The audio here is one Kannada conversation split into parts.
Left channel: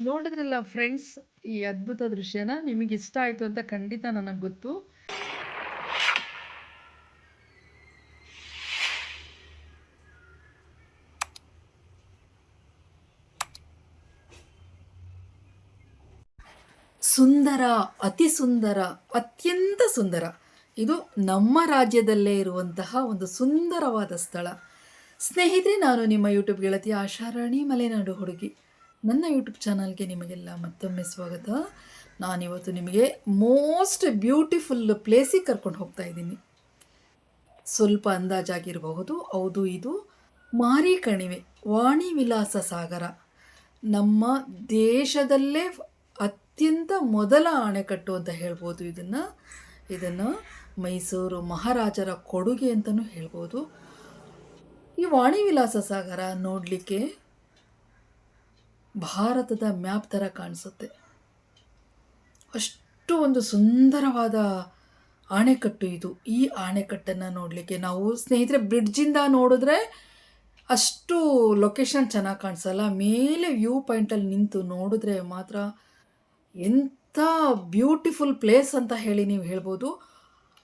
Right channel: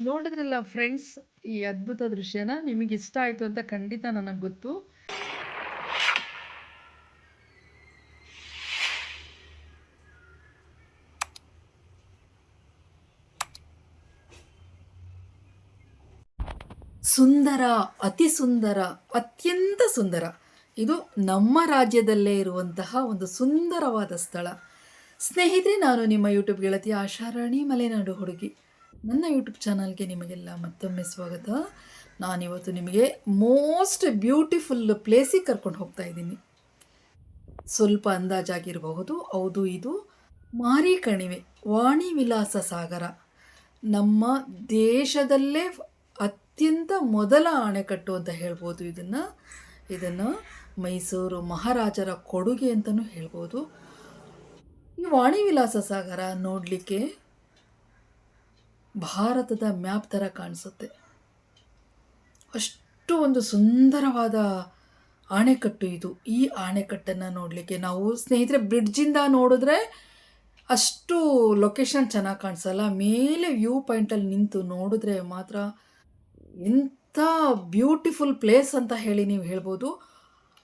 ನೋಡಿದ್ರಲ್ಲ ಫ್ರೆಂಡ್ಸ್, ಈ ಅದ್ಭುತ ದೃಶ್ಯನ ನಿಮಗೆ ಇಷ್ಟ ಆಯ್ತು ಅಂತ ಖಂಡಿತ ನನಗೆ ಗೊತ್ತು. ಸುಂದರ, ಅತಿ ಸುಂದರ, ಅತ್ಯಂತ ಸುಂದರ. ಇದು ನಮ್ಮ ರಾಜ್ಯದಲ್ಲೇ ಇರುವಂತಹ ಒಂದು ಸುಂದರವಾದ ಸ್ಥಳ. ಸ್ನೇಹಿತರೆ, ನಾನು ನಿಮ್ಮ ಯೂಟ್ಯೂಬ್ ಗೆಳತಿ ಆಶಾರಾಣಿ ಮಲೆನಾಡು ಹುಡುಗಿ. ನನ್ನ ಯೂಟ್ಯೂಬ್ ಚಾನಲ್ಗೆ ನಿಮಗೆಲ್ಲ ಮತ್ತೊಮ್ಮೆ ಸ್ವಾಗತ. ನಾನಿವತ್ತು ನಿಮಗೆ ಮೋಸ್ಟ್ ಬ್ಯೂಟಿಫುಲ್ ಪ್ಲೇಸಿಗೆ ಕರ್ಕೊಂಡು ಹೋಗ್ತಾ ಇದ್ದೀನಿ. ಸ್ವಲ್ಪ ಅಂದಾಜಾಗಿರಬಹುದು. ಹೌದು, ಇದು ಮಾರಿ ಕಣಿವೆ, ವಾಣಿ ವಿಲಾಸ ಸಾಗರ. ನಮ್ಮ ದೇಶದಲ್ಲೇ ಅತ್ಯಂತ ಮೊದಲ ಅಣೆಕಟ್ಟು ಅಂತ ಹೇಳ್ಬೋದು. ಇದನ್ನು ಮೈಸೂರು ಮಹಾರಾಜರ ಕೊಡುಗೆ ಅಂತಲೂ ಹೇಳ್ಬೋದು. ಈ ವಾಣಿ ವಿಲಾಸ ಸಾಗರ ನೋಡಲಿಕ್ಕೆ ಭಾರತದ ಮ್ಯಾಪ್ ಥರ ಕಾಣಿಸುತ್ತೆ. ಅಷ್ಟು ಒಂದು ಸುಂದರವಾದ ಅಣೆಕಟ್ಟು ಇದು. ಈ ಅಣೆಕಟ್ಟನ್ನು ನೋಡಲಿಕ್ಕೆ ನಾವು ಸ್ನೇಹಿತರೆ ಬ್ರಿಡ್ಜಿಂದ ನೋಡಿದ್ರೆ ಅಷ್ಟು ಲೊಕೇಶನ್ ಚೆನ್ನಾಗಿ ಕಾಣಿಸಲ್ಲ. ಮೇಲೆ ವ್ಯೂ ಪಾಯಿಂಟಲ್ಲಿ ನಿಂತು ನೋಡಿದ್ರೆ ಮಾತ್ರ ಎಂಥ ಬ್ಯೂಟಿಫುಲ್ ಪ್ಲೇಸ್ ಅಂತ ಹೇಳಿ ನೀವು ಹೇಳ್ಬೋದು.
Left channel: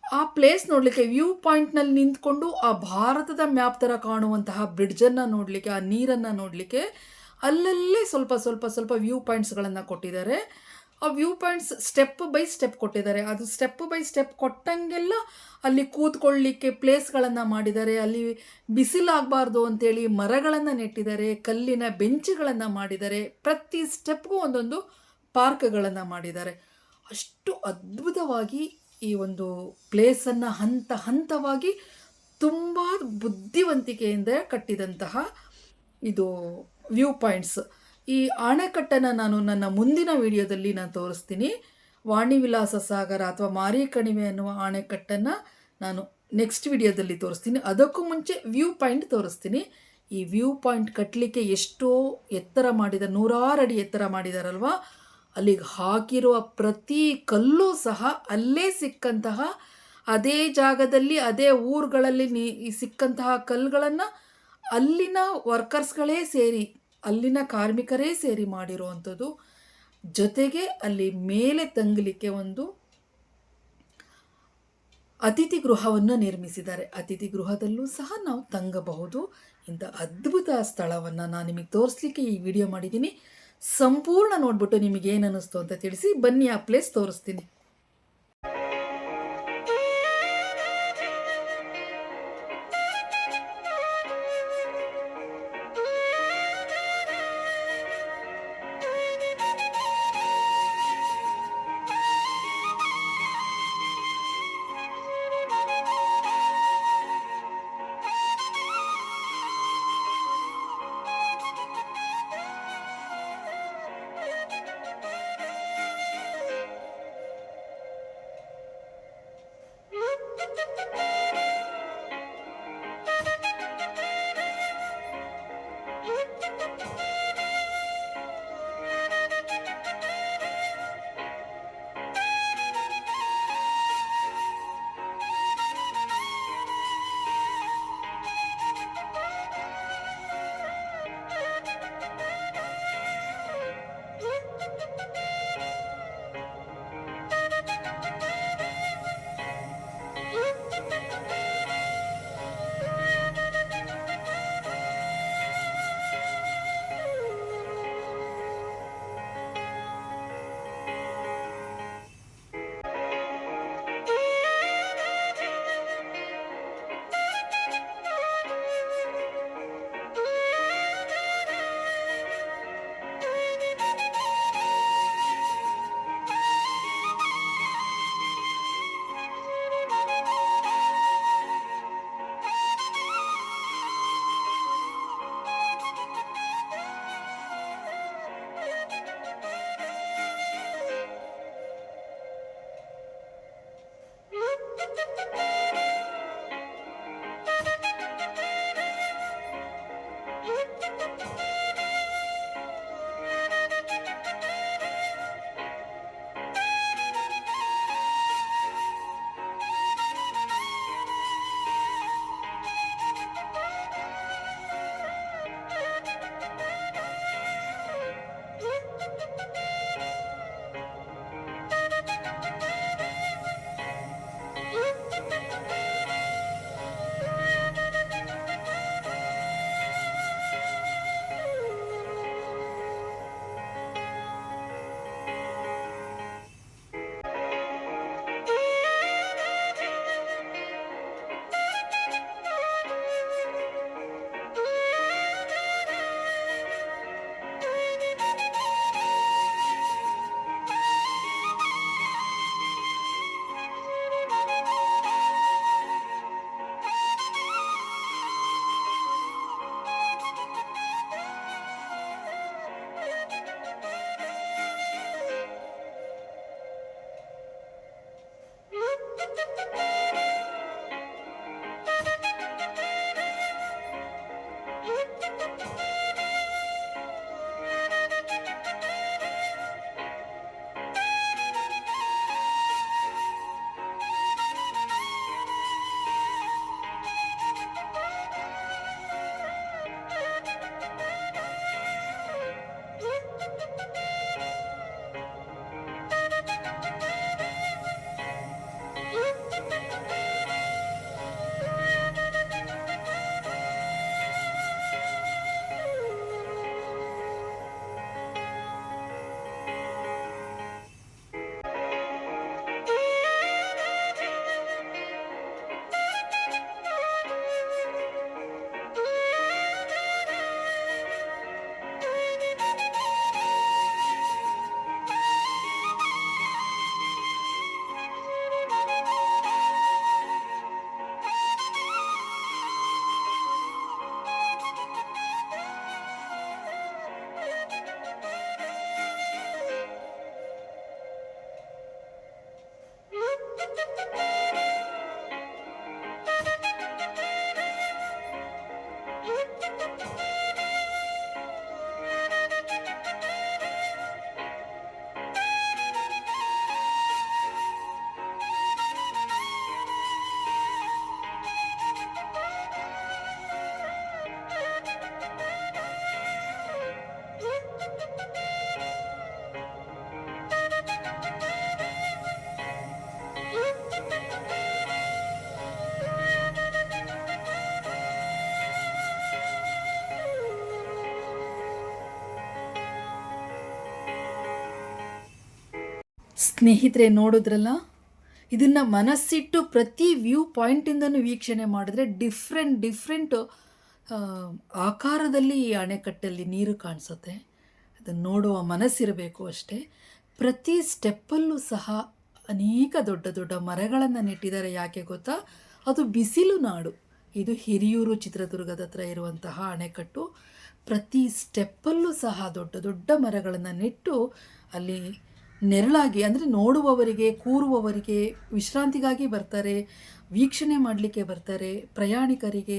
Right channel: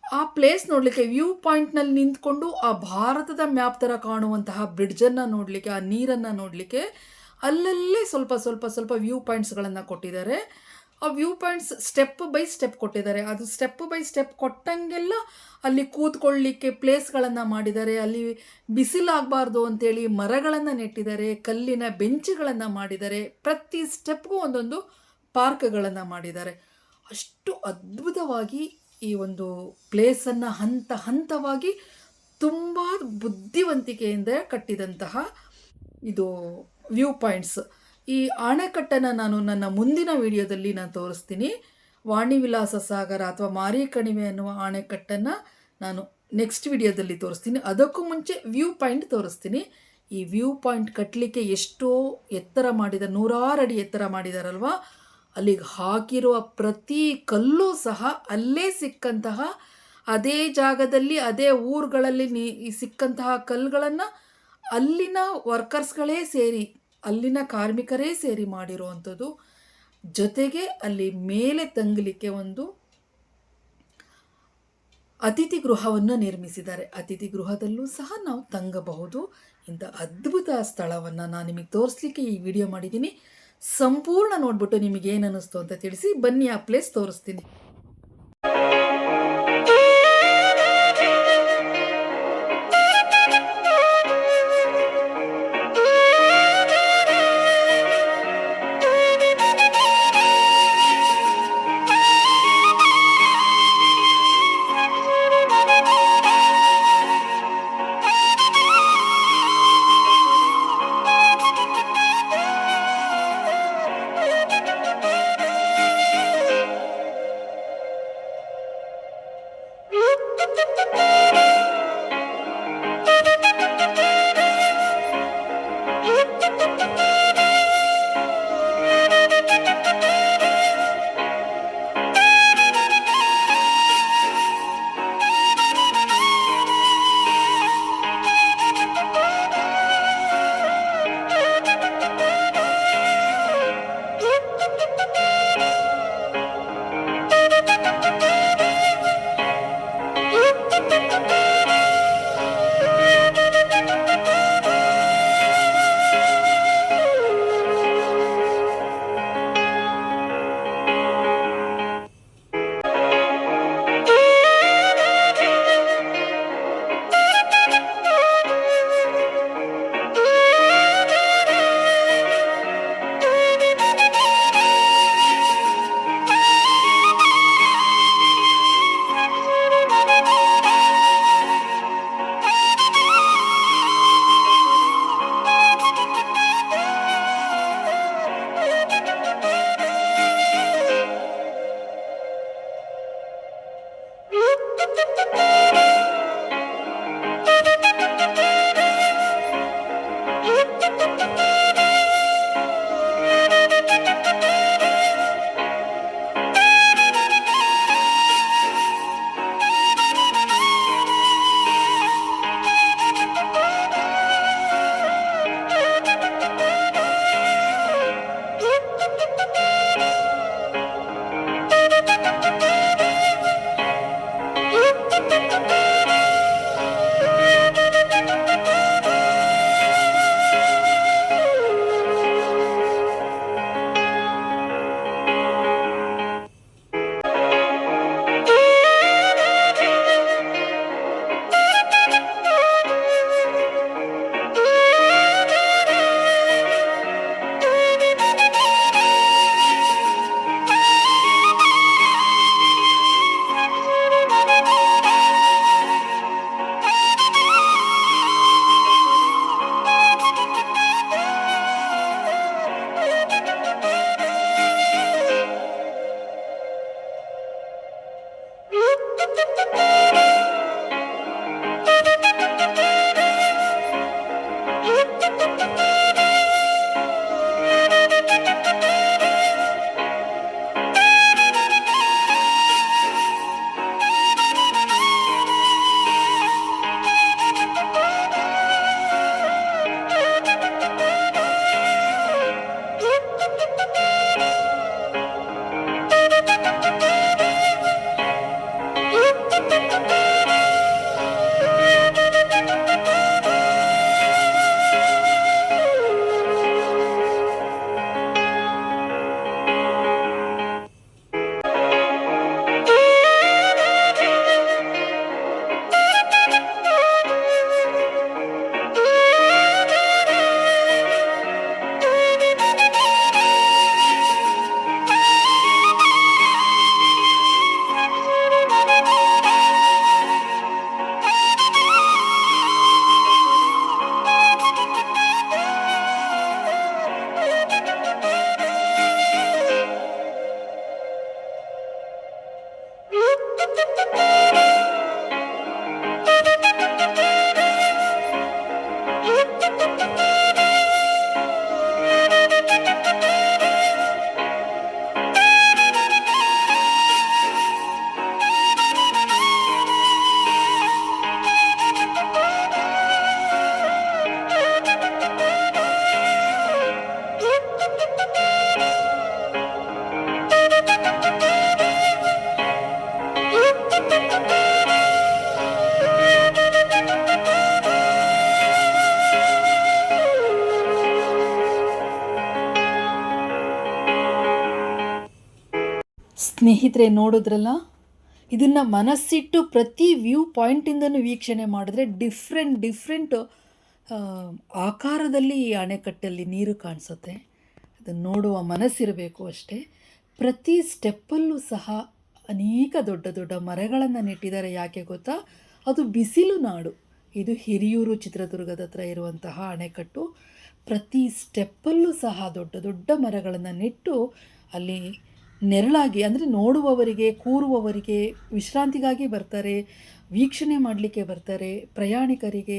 ಆ ಪ್ಲೇಸ್ ನೋಡಲಿಕ್ಕೆ ವ್ಯೂ ಪಾಯಿಂಟ್ನಲ್ಲಿ ನಿಂತ್ಕೊಂಡು ಆ ಭಾರತದ ಮ್ಯಾಪ್ ಥರ ಕಾಣುವಂತಹ ಬ್ರಿಡ್ಜನ್ನು ನೋಡಲಿಕ್ಕೆ, ಆ ನೀರನ್ನು ನೋಡಲಿಕ್ಕೆ ಅಲ್ಲಲ್ಲೇ ಸ್ವಲ್ಪ ಸ್ವಲ್ಪ ಸ್ವಲ್ಪ ವ್ಯೂ ಪಾಯಿಂಟ್ಸ್ಗಳನ್ನು ಕೊಟ್ಟಿದ್ದಾರೆ. ಆ view points step by step ಕೊಟ್ಟಿದ್ದಾರೆ. ಅದು ಸ್ಟೆಪ್ ಬೈ ಸ್ಟೆಪ್ ಕೊಟ್ಟಂಗೆಲ್ಲ ಅಲ್ಲಿ ಕೂತ್ಕೊಳ್ಳಿಕ್ಕೆ ಪ್ಲೇಸ್ಗಳನ್ನು ಮಾಡಿದ್ದಾರೆ. ಅಲ್ಲಿ ಬಿಸಿಲಾಗಬಾರ್ದು ಅಂತೇಳಿ ಮರಗಳನ್ನು ನೆಟ್ಟಿದ್ದಾರೆ, ಕಲ್ಲಿನ ಬೆಂಚುಗಳನ್ನು ಮಾಡಿದ್ದಾರೆ, ಪ್ರತಿ ಸ್ಟೆಪ್ಗೂ ಒಂದೊಂದು ಪಾರ್ಕ್ಗಳನ್ನು ಮಾಡಿದ್ದಾರೆ. ಅಷ್ಟು ಅದ್ಭುತವಾಗಿ ಈ ಒಂದು ಪ್ಲೇಸನ್ನು ಹಂತ ಹಂತವಾಗಿ ತುಂಬ ಬುದ್ಧಿವಂತಿಕೆಯಿಂದ ಕಟ್ಟಿದಂತಹ ಇದು ವ್ಯೂ ಪಾಯಿಂಟ್ಸ್. ಈ ಅಣೆಕಟ್ಟನ್ನು ನಾನು ನನ್ನ ಮುಂದಿನ ವಿಡಿಯೋದಲ್ಲಿ ನಾನು ತೋರಿಸ್ತೀನಿ. ವಾಣಿ ವಿಲಾಸ ಸಾಗರ ಅಥವಾ ಮಾರಿ ಕಣಿವೆ ಅನ್ನುವ ಅಣೆಕಟ್ಟನ್ನು ನಾನು ನೆಕ್ಸ್ಟ್ ವಿಡಿಯೋದಲ್ಲಿ ತೋರಿಸ್ತೀನಿ. ಅದಕ್ಕೂ ಮುಂಚೆ ವ್ಯೂ ಪಾಯಿಂಟ್ ತೋರಿಸ್ತೀನಿ. ಈ ವ್ಯೂ ಪಾಯಿಂಟ್ ಕಟ್ಟಲಿಕ್ಕೆ ಎಷ್ಟೋ ಎತ್ತರ ಮಾಡಿದ, 100 ಅಡಿ ಎತ್ತರ ಮಾಡಿದಾರಲ್ವ. ಅಲ್ಲಿಗೆ ಹಾಕಿರುವ ಪ್ರತಿ ಕಲ್ಲೂ ಸಹ ಅಲ್ಲೇ ಸಿಕ್ಕಂತಹ, ಅದೇ ಜಾಗದಲ್ಲಿ ಅದೇ ಊರುಗಳಲ್ಲಿ ಸಿಕ್ಕಂತಹ ಕಲ್ಲುಗಳನ್ನು ಅಲ್ಲಿನ ವರ್ಕರ್ಸ್ಗಳೇ ಸೇರಿ, ಅಲ್ಲಿನ ಕಾರ್ಮಿಕರೇ ಸೇರಿ ಮಾಡಿರುವಂಥದ್ದು. ಜೊತೆಗೆ ಅಲ್ಲಿ ಮೇಲೆ ತಂಗಲಿಕ್ಕೆ ಒಂದು ಅತಿಥಿ ಗೃಹವನ್ನು ನಿರ್ಮಿಸಿದ್ದಾರೆ. ಅತಿಥಿ ಗೃಹದಲ್ಲೂ ಸಹ ನಾವು ತಂಗಬಹುದು. ಇಂಥ ಅದ್ಭುತ ಸ್ಥಳವನ್ನು ನಾನು ನಿಮಗೆ ತೋರಿಸ್ಲಿಕ್ಕೆ ಈ ವಿಡಿಯೋ ಮಾಡಿದ್ದೀನಿ. ಸಂಪೂರ್ಣ ನೋಡ್ಬಿಟ್ಟು ನಿಮಗೆ ಏನು ಅನ್ನಿಸ್ತು ಅಂತ ತಿಳಿಸಿ. ಬನ್ನಿ, ಆ ಪ್ಲೇಸ್ ತೋರಿಸ್ತೀನಿ. ಸ್ನೇಹಿತರೆ ನೋಡಿದ್ರಲ್ಲ, ಇದನ್ನು ಮನಸ್ಸಿಟ್ಟು ಪ್ರತಿ ವ್ಯೂ ಪಾಯಿಂಟಿಂದನೂ ವೀಕ್ಷಣೆ ಮಾಡಿದ್ರೆ ಡಿಫ್ರೆಂಟ್ ಆಕಾರದಲ್ಲಿ ಈ ಅಣೆಕಟ್ಟಲ್ಲಿ ನೀರು ಕಾಣಿಸುತ್ತೆ. ಅದನ್ನು ನೋಡುವ ಮನಸ್ಸಿರಬೇಕು ಅಷ್ಟೇ. ಪ್ರತಿ ಸ್ಟೆಪ್ಪಲ್ಲೂ ಸಹ ಅನೇಕ ದೊಡ್ಡ ದೊಡ್ಡ ಮರಗಳನ್ನು ನೆಟ್ಟಿದ್ದಾರೆ. ಯಾಕೆ ಗೊತ್ತಾ? ಅದು ಬಿಸಿಲು ನಾಡು. ಇದು ಹಿರಿಯೂರು ಚಿತ್ರದುರ್ಗದ ಹತ್ರ ಇರುವಂತಹ ಅಣೆಕಟ್ಟು. ಪ್ರತಿ ಸ್ಟೆಪ್ಪಲ್ಲೂ ಸಹ ದೊಡ್ಡ ದೊಡ್ಡ ಮರಗಳನ್ನು ನೆಟ್ಟು ಅಲ್ಲಿ ನೆರಳಾಗಿ, ಅಂದರೆ ನೋಡುವವರಿಗೆ, ಕೂರುವವರಿಗೆ, ವಿಶ್ರಾಂತಿಗಾಗಿ ಬರ್ತಾರೆ, ವೀಕ್ಷಣೆ ಮಾಡಲಿಕ್ಕೆ ಬರ್ತಾರೆ, ಪ್ರಯಾಣಿಕರಿಗೆ,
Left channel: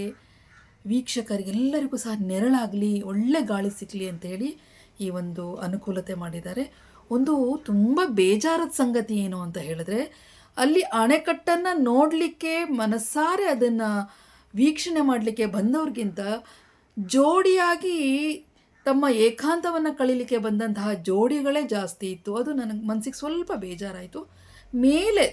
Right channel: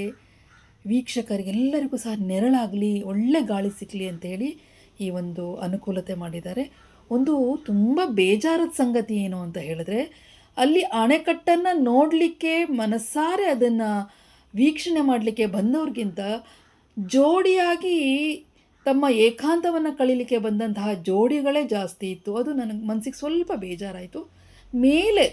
ವೀಕ್ಷಕರಿಗೆ ಎಲ್ಲರಿಗೂ ಸಹ ನೆರಳಾಗಲಿ, ಒಳ್ಳೆ ಗಾಳಿ ಸಿಗಲಿ ಅಂತೇಳಿ ಈ ಒಂದು ಅನುಕೂಲತೆ ಮಾಡಿದ್ದಾರೆ. ಒಂದು ತುಂಬ ಬೇಜಾರದ ಸಂಗತಿ ಏನು ಅಂತ ಹೇಳಿದ್ರೆ, ಅಲ್ಲಿ ಅಣೆಕಟ್ಟನ್ನು ನೋಡಲಿಕ್ಕೆ ಮನಸ್ಸಾರೆ ಅದನ್ನು ವೀಕ್ಷಣೆ ಮಾಡಲಿಕ್ಕೆ ಬಂದವ್ರಿಗಿಂತ ಜೋಡಿಯಾಗಿ ತಮ್ಮ ಏಕಾಂತವನ್ನು ಕಳೀಲಿಕ್ಕೆ ಬಂದಂತಹ ಜೋಡಿಗಳೇ ಜಾಸ್ತಿ ಇತ್ತು. ಅದು ನನಗೆ ಮನಸ್ಸಿಗೆ ಸ್ವಲ್ಪ ಬೇಜಾರಾಯಿತು.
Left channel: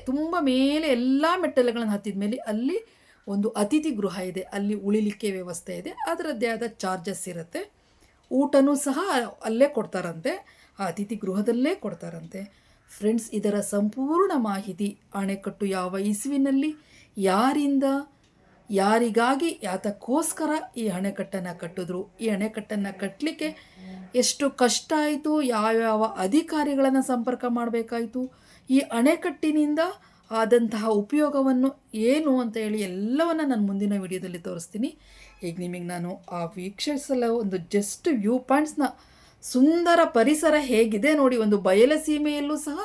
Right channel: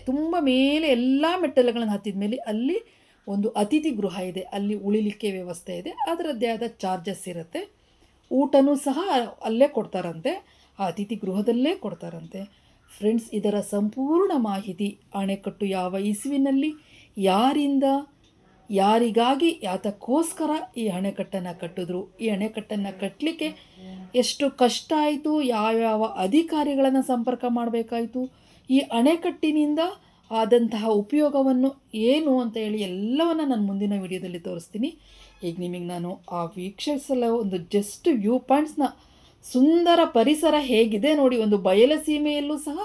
ತುಂಬ ಮೇಲೆ ಎಲ್ಲ ಮೆಟ್ಟಲುಗಳನ್ನು ಹತ್ತಿದ ಮೇಲೆ ಅಲ್ಲಿ ಒಂದು ಅತಿಥಿ ಗೃಹ ಇದೆ. ಅಲ್ಲಿ ಉಳಿಲಿಕ್ಕೆ ವ್ಯವಸ್ಥೆ ಇದೆ. ಅದರದ್ದೇ ಆದ ಚಾರ್ಜಸ್ ಇರುತ್ತೆ. ಊಟನೂ ಸಹ ಅಲ್ಲೇ ಕೊಡ್ತಾರಂತೆ, ಆ ಅತಿಥಿ ಗೃಹದಲ್ಲೇ ಕೊಡ್ತಾರಂತೆ. ಫ್ರೆಂಡ್ಸ್, ಇದರ ಸಂಪೂರ್ಣ ಮಾಹಿತಿ, ಅಣೆಕಟ್ಟು ಯಾವ ಇಸುವಿನಲ್ಲಿ, ಯಾರಿಂದ, ಯಾರಿಗಾಗಿ, ಯಾತಕ್ಕೋಸ್ಕರ ಈ ಅಣೆಕಟ್ಟನ್ನು ಕಟ್ಟಿದ್ರು, ಈ ಅಣೆಕಟ್ಟನ್ನು ಕಟ್ಟಲಿಕ್ಕೆ ಎಷ್ಟು ಕಷ್ಟ ಆಯಿತು, ಯಾವ್ಯಾವ ಅಧಿಕಾರಿಗಳನ್ನು ಸಂಪರ್ಕ ಮಾಡಬೇಕಾಯಿತು, ಈ ಅಣೆಕಟ್ಟಿನಿಂದ ಆದಂತಹ ಉಪಯೋಗವನ್ನು ಏನು ಅಂತ ಹೇಳಿ ಎಲ್ಲವನ್ನು ನಾನು ಮುಂದಿನ ವಿಡಿಯೋದಲ್ಲಿ ತೋರಿಸ್ತೀನಿ. ಈಗ ನಿಮಗೆ ನಾನು ಆ ವೀಕ್ಷಿಸಲು ಒಂದು ಜಸ್ಟ್ ವ್ಯೂ ಪಾಯಿಂಟ್ಸ್ನ, ಸುಂದರ ಪರಿಸರ ಹೇಗಿದೆ ನೋಡಿ, ಒಂದು ಬಯಲ ಸೀಮೆಯಲ್ಲೂ ಸಹ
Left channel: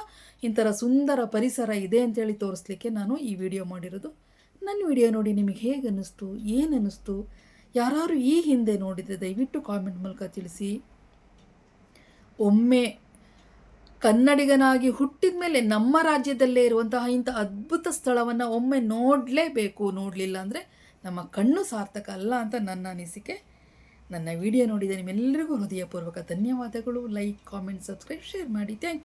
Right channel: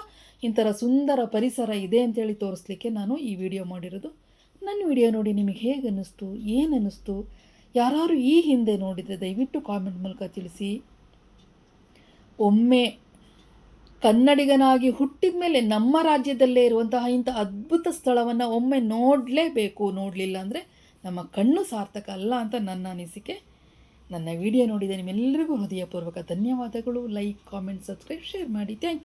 ಇಂಥರ ಸುಂದರ ಪರಿಸರ ಇದೆ ಅಂತೇಳಿ ತೋರಿಸ್ಲಿಕ್ಕೆ ನಾನು ಈ ವಿಡಿಯೋ ಮಾಡಿರೋದು. ನನ್ನ ವಿಡಿಯೋ ನೋಡಿ ನಿಮಗೆ ಹೇಗೆ ಅನ್ನಿಸ್ತು, ಏನು ಅನ್ನಿಸ್ತು? ಯಾರು ಈ ಹಿಂದೆ ನೋಡಿದರೆ ದಯವಿಟ್ಟು ಕಾಮೆಂಟ್ ಮೂಲಕ ತಿಳಿಸಿ. ಒಮ್ಮೆ ಕನ್ನಡಿಗನಾಗಿ ಹುಟ್ಟಿದ ಮೇಲೆ ನಮ್ಮ ರಾಜ್ಯದಲ್ಲೇ ಇರುವಂತಹ ಇಂಥ ಅದ್ಭುತ ಸ್ಥಳವನ್ನು ಒಮ್ಮೆ ನೋಡಲೇಬೇಕು. ನೋಡಲಿಲ್ಲ ಅಂದರೆ ನಮ್ಮ ಕಣ್ಣು ಸಾರ್ಥಕ ಅಲ್ಲ ಅಂತ ನನ್ನ ಅನಿಸಿಕೆ. ನನ್ನ ವಿಡಿಯೋ ನೋಡಿದ ನಿಮ್ಮೆಲ್ಲರಿಗೂ ಹೃದಯಪೂರ್ವಕ ಧನ್ಯವಾದಗಳು. ಲೈಕ್, ಕಾಮೆಂಟ್, ಸಬ್ಸ್ಕ್ರೈಬ್, ಶೇರ್ ಮಾಡಿ. Thank you.